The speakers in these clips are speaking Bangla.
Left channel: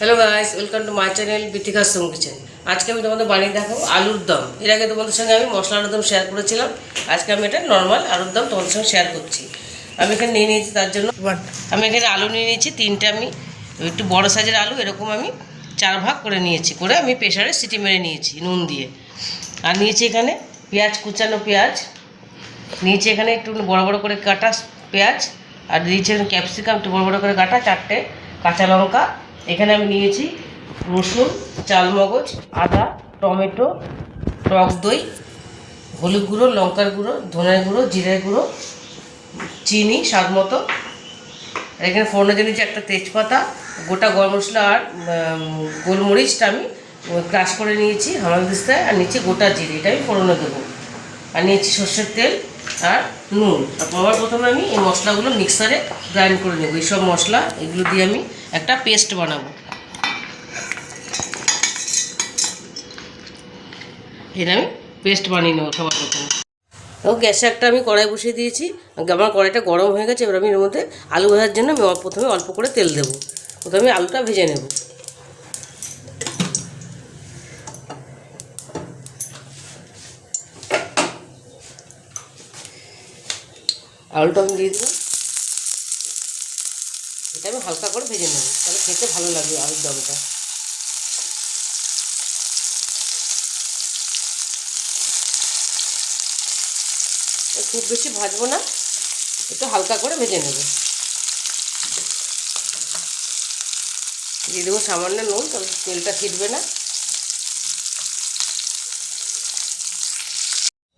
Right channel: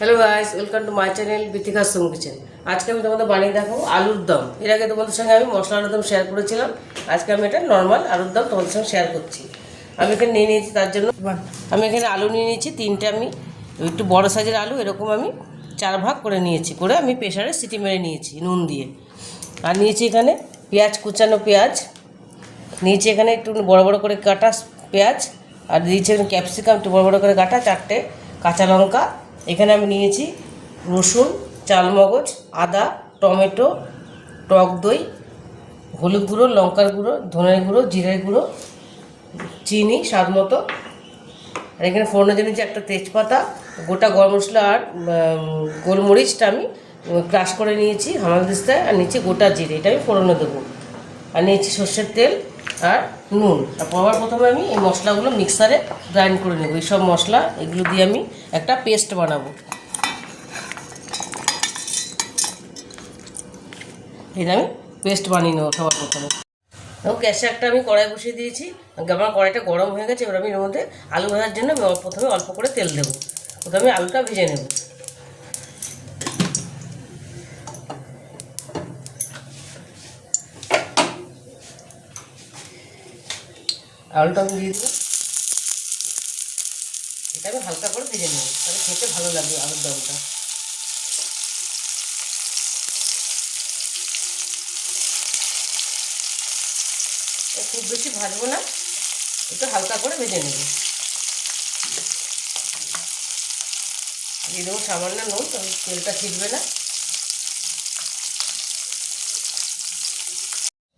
Hello guys, welcome to my channel Bithika sum kitchen. আজকে আমি তোমাদের বানিয়ে দেখাবো আলুর দম। এর আগে তোমাদের সঙ্গে আমি মশলা আলুর দম শেয়ার করেছিলাম। আজকে আমি এটা নর্মাল আলুর দম তোমাদের সঙ্গে শেয়ার করছি। আমি এখানে নিয়ে নিয়েছি, তার জন্য আমি এখানে আলু নিয়ে নিয়েছি তিনটে। আমি একটু বড় সাইজের আলু, এরকম আমি 4 ভাগ করে নিয়েছি, করে আমি প্রেশারে সিটি মেরে নিয়েছি নুন দিয়ে। আর নিয়েছি এখানে পেঁয়াজ, কুচানো পেঁয়াজ নিয়েছি, এখানে একটু বড় বড় করে কাটা পেঁয়াজ, আর দিয়েছি ক্যাপসিকাম একটু বড় বড় করে কাটা, 4টে কাঁচা লঙ্কা। এখানে আমি নিয়েছি রসুন, চালমগজ, আদা, টমেটো, টক দই, হলুদ গুঁড়ো, লঙ্কার গুঁড়ো, ধনের গুঁড়ো, জিরের গুঁড়ো, চিনি স্বাদ মতো। আর এখানে ফোড়নের জন্য নিয়েছি একটা তেজপাতা, গোটা গরম মশলা আর গোলমরিচটা আমি ক্রাশ করে নিয়েছি হামানদিস্তায়। আর নিয়েছি গোটা জিরে, এটা আমি ফোড়নে দেবো। আর নিয়েছি সর্ষের তেল আর নুন। আর প্রথমে আমি এই মশলাগুলো মিক্সারে গ্রাইন্ড করে নেবো। এইসব মশলা এগুলো দিয়ে আমি একটা পেস্ট বানাবো। এটা আমি পেস্ট বানিয়ে নেবো সবার প্রথমে। এবং গ্যাসে একটা আমি কড়াই বসিয়ে দিয়েছি। আমার কড়াইটা গরম হয়ে গেছে। এবার আমি এর মধ্যে আলু ভাজার জন্য আমি প্রথমে অল্প করে তেল দেবো। প্রথমে আমি আলুটা ভেজে নেব। আলুটা আমি দিয়ে দেবো। এটা আমি হালকা করে ভেজে নেব, তাহলে খেতে ভালো লাগবে আলুর দমটা। খুব বেশি ভাজবো না, একটু হালকা করে ভেজে নেব। দিয়ে দেবো সামান্য নুন, তবে তেলটা ছিটবে না।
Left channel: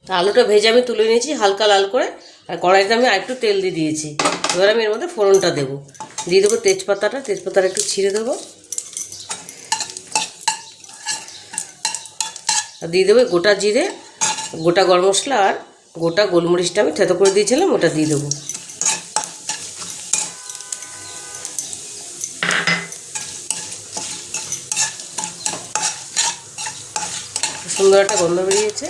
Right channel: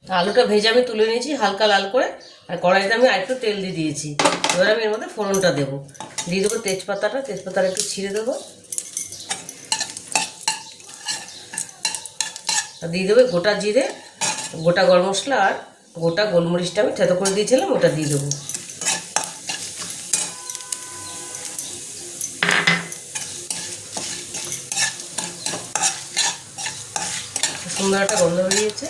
আলুটা ভেজে আমি তুলে নিয়েছি হালকা লাল করে। আর কড়াইতে আমি আরেকটু তেল দিয়ে দিয়েছি। এবার আমি এর মধ্যে ফোড়নটা দেবো। দিয়ে দেবো তেজপাতাটা একটু ছিঁড়ে দেবো। আর দিয়ে দেবো গোটা জিরে, গোটা গরম মশলা আর গোটা গোলমরিচটা আমি থেতো করে দিয়েছিলাম, ওটা দিয়ে দেবো। সুন্দর একটা গন্ধ বেরিয়েছে।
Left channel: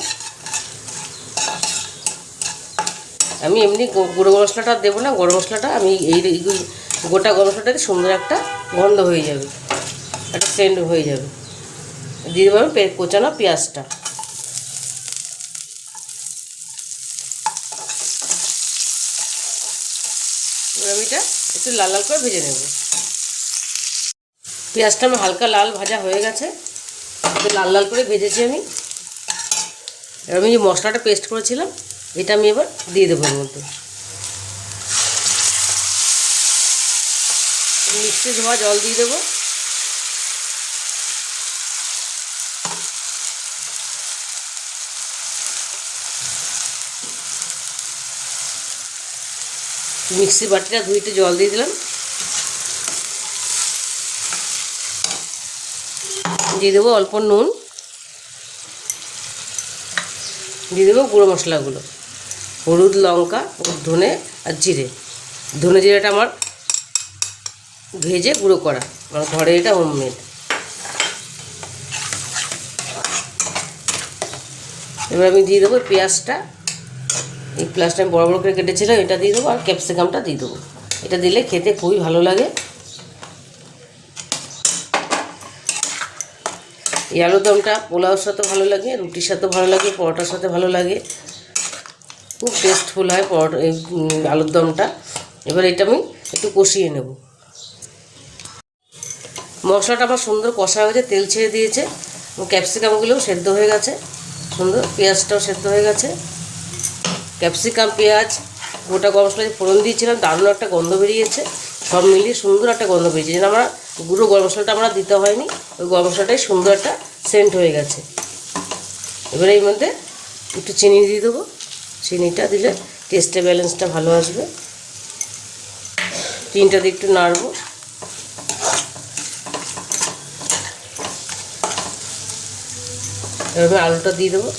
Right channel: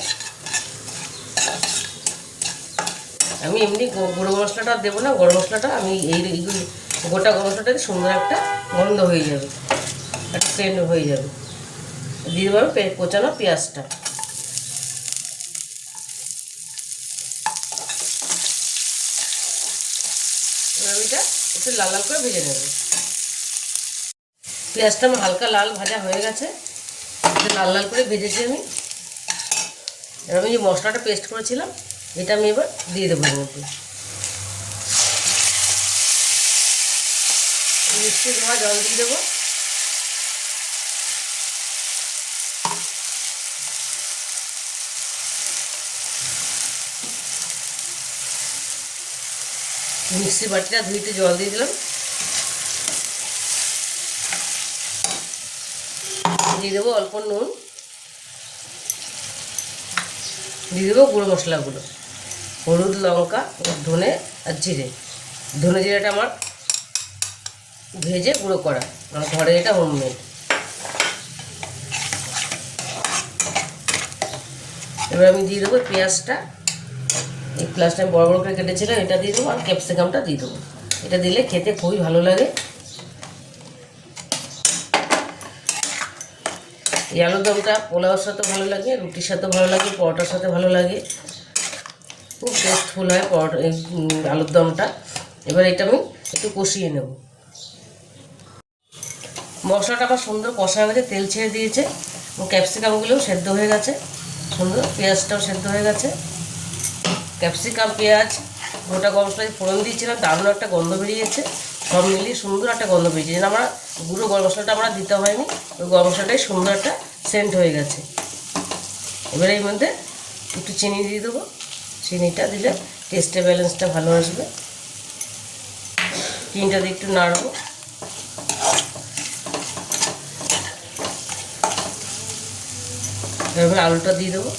আমি এমনি গুঁড়ো মশলাটা দেবো না, গরম মশলাটা আমি এই গোটা গরম মশলাটাতে সুন্দর একটা গন্ধ হয়ে যাবে, একটা সেন্ট হয়ে যাবে। দিয়ে দেবো কোচানো পেঁয়াজটা। এবার আমি এটা একটু লাল লাল করে ভেজে নেব। পেঁয়াজটা আমার হালকা লাল ভাজা হয়ে গেছে, একটু লাল লাল করে ভেজেছি আমি। এবার আমি যে মশলাটা পেস্ট করেছিলাম এটা আমি এবার দিয়ে দেবো এর মধ্যে। মিষ্টি ধোয়া জল দিয়ে দেবো। মিক্সি বাটিটা ধুইতে জল দিয়ে দিলাম। দিয়ে দেবো অল্প নুন, দিয়ে দেবো গুঁড়ো মশলাগুলো, হলুদ, লঙ্কা, ধনে আর জিরে। ধনে জিরাটা আমার ভেজে গুঁড়ো করা, আমার ঘরে এটা হোমমেড। এবার আমি দিয়ে দেবো পেঁয়াজটা। এই পেঁয়াজটা আমি বড় বড় করে কেটেছিলাম, এটা দিয়ে দেবো। আর ক্যাপসিকামটা দিয়ে দেবো। এটা দিলে খেতে খুবই ভালো লাগে। এই আলুর দমটা পোলাওর সাথে ভালো লাগে, রুটির সাথে ভালো লাগে, পরোটার সাথে ভালো লাগে। খুব টেস্টফুল হয় এই আলুর দমটা। এবার এটা আমি একটু কষিয়ে নেব। মশলাটা আমার সুন্দর কষা হয়ে গেছে, তেল ছেড়ে দিয়েছে এবং ক্যাপসিকামগুলোও সেদ্ধ হয়ে গেছে সুন্দর, পেঁয়াজটাও সেদ্ধ হয়ে গেছে। ক্যাপসিকাম, পেঁয়াজ, গোটা গরম মশলা ফোড়ন দিয়েছিলাম, দারুণ একটা গন্ধ বেরিয়েছে। সব মিলিয়ে সুন্দর একটা গন্ধ বেরিয়েছে, যেন আমরা গুঁড়ো গরম মশলাটা আমরা দিতে হয়নি, ওই গরম মশলাটাই সুন্দর একটা সেন্ট হয়ে গেছে। এবারে এর মধ্যে একটু চিনি দিয়ে দেবো। চিনিটা দিলে টেস্টের ব্যালেন্সটা ভালো আসবে। চিনিটা দিয়ে একটু নাড়বো। এভাবে আলুটা দিয়ে দেবো।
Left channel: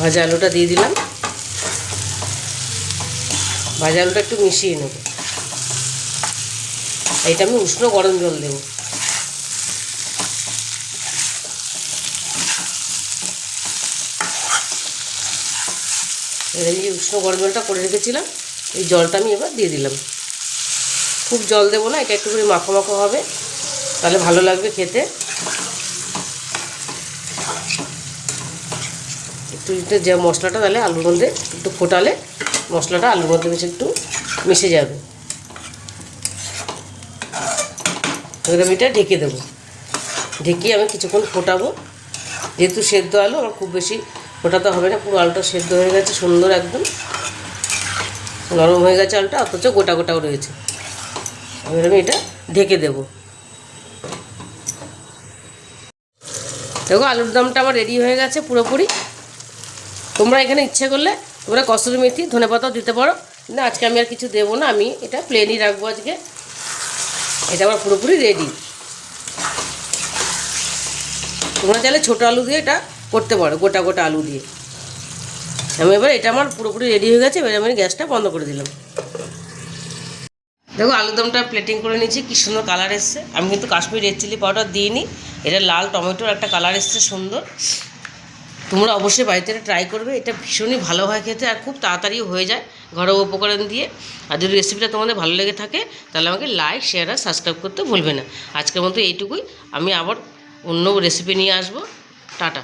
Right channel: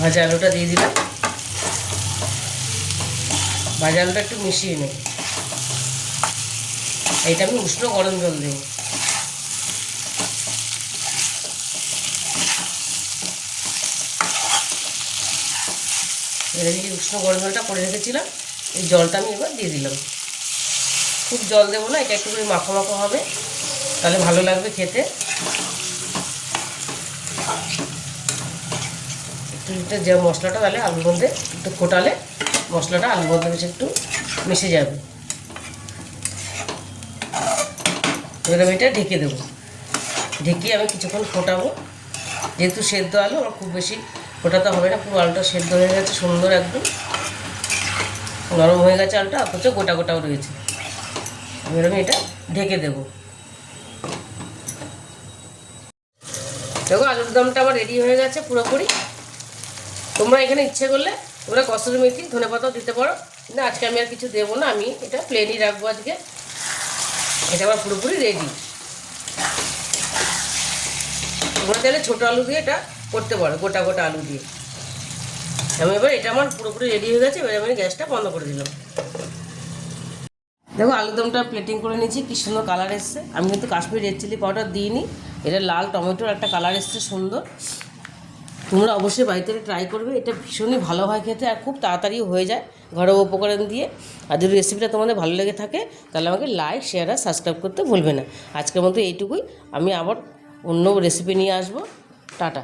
ভাজা আলুটা দিয়ে দিলাম। ভাজা আলুটা একটু মিশিয়ে নেব। এটা আমি উষ্ণ গরম জল দেবো। এই যে উষ্ণ গরম জলটা করে রেখেছিলাম, এই জলটা আমি এবার দিয়ে দিলাম। খুব জল দেবো না, এটা একটু করে মাখো মাখো হবে। তাহলে ভালো লাগবে খেতে। একটু যে মশলাটা তাহলে আলুর মধ্যে একটু ফোটালে মশলাটা আলুর মধ্যে বেশি একটু মিশে যাবে। এবার আমি এটা ঢেকে দেবো। ঢেকে আমি কিছুক্ষণ ফোটাবো। যেহেতু সেদ্ধ আলু, আমার খুব বেশি ফোটাতে হবে না, পুরো আলুটা সেদ্ধ হয়ে গেছে সুন্দর, একদম নরম হয়ে গেছে আলুটা, অথচ গোটা গোটাও রয়েছে। এবার আমি এটা ঢেকে দেবো। দেখো আলুর দমটা আমার রেডি হয়ে গেছে পুরোপুরি। তোমরা এখানে ইচ্ছে করলে তোমরা কসুরি মেথি ধনেপাতাও দিতে পারো, কিন্তু আজকে আমি আর কিছু দেবো না, আমি এটা প্লেনই রাখবো আজকে। এটা আমার পুরোপুরি রেডি। তোমরা চাইলে ছোটো আলু দিয়ে এটা করতে পারো, গোটা গোটা আলু দিয়ে। আমি এবার এটা আমার পুরোপুরি রেডি হয়ে গেছে। এবার আমি গ্যাসটা বন্ধ করে দিলাম। দেখো আলুরদমটা প্লেটিং করে নিয়েছি, কী সুন্দর কালার এসছে। আমি কিন্তু কাশ্মীর রেড চিলি পাউডার দিইনি, এটা লাল টমেটোর একটা কালার এসছে সুন্দর। তোমরা অবশ্যই বাড়িতে ট্রাই করবে, এটা ভীষণই ভালো হয় খেতে, আর খুব তাড়াতাড়িও হয়ে যায় ঘরোয়া উপকরণ দিয়ে। আর যদি রেসিপিটা তোমাদের ভালো লেগে থাকে তাহলে আমাকে লাইক, শেয়ার আর সাবস্ক্রাইব করতে ভুলবে না। আজকের মতো এইটুকুই, আমি আবার অন্য রেসিপি নিয়ে আসবো। টাটা।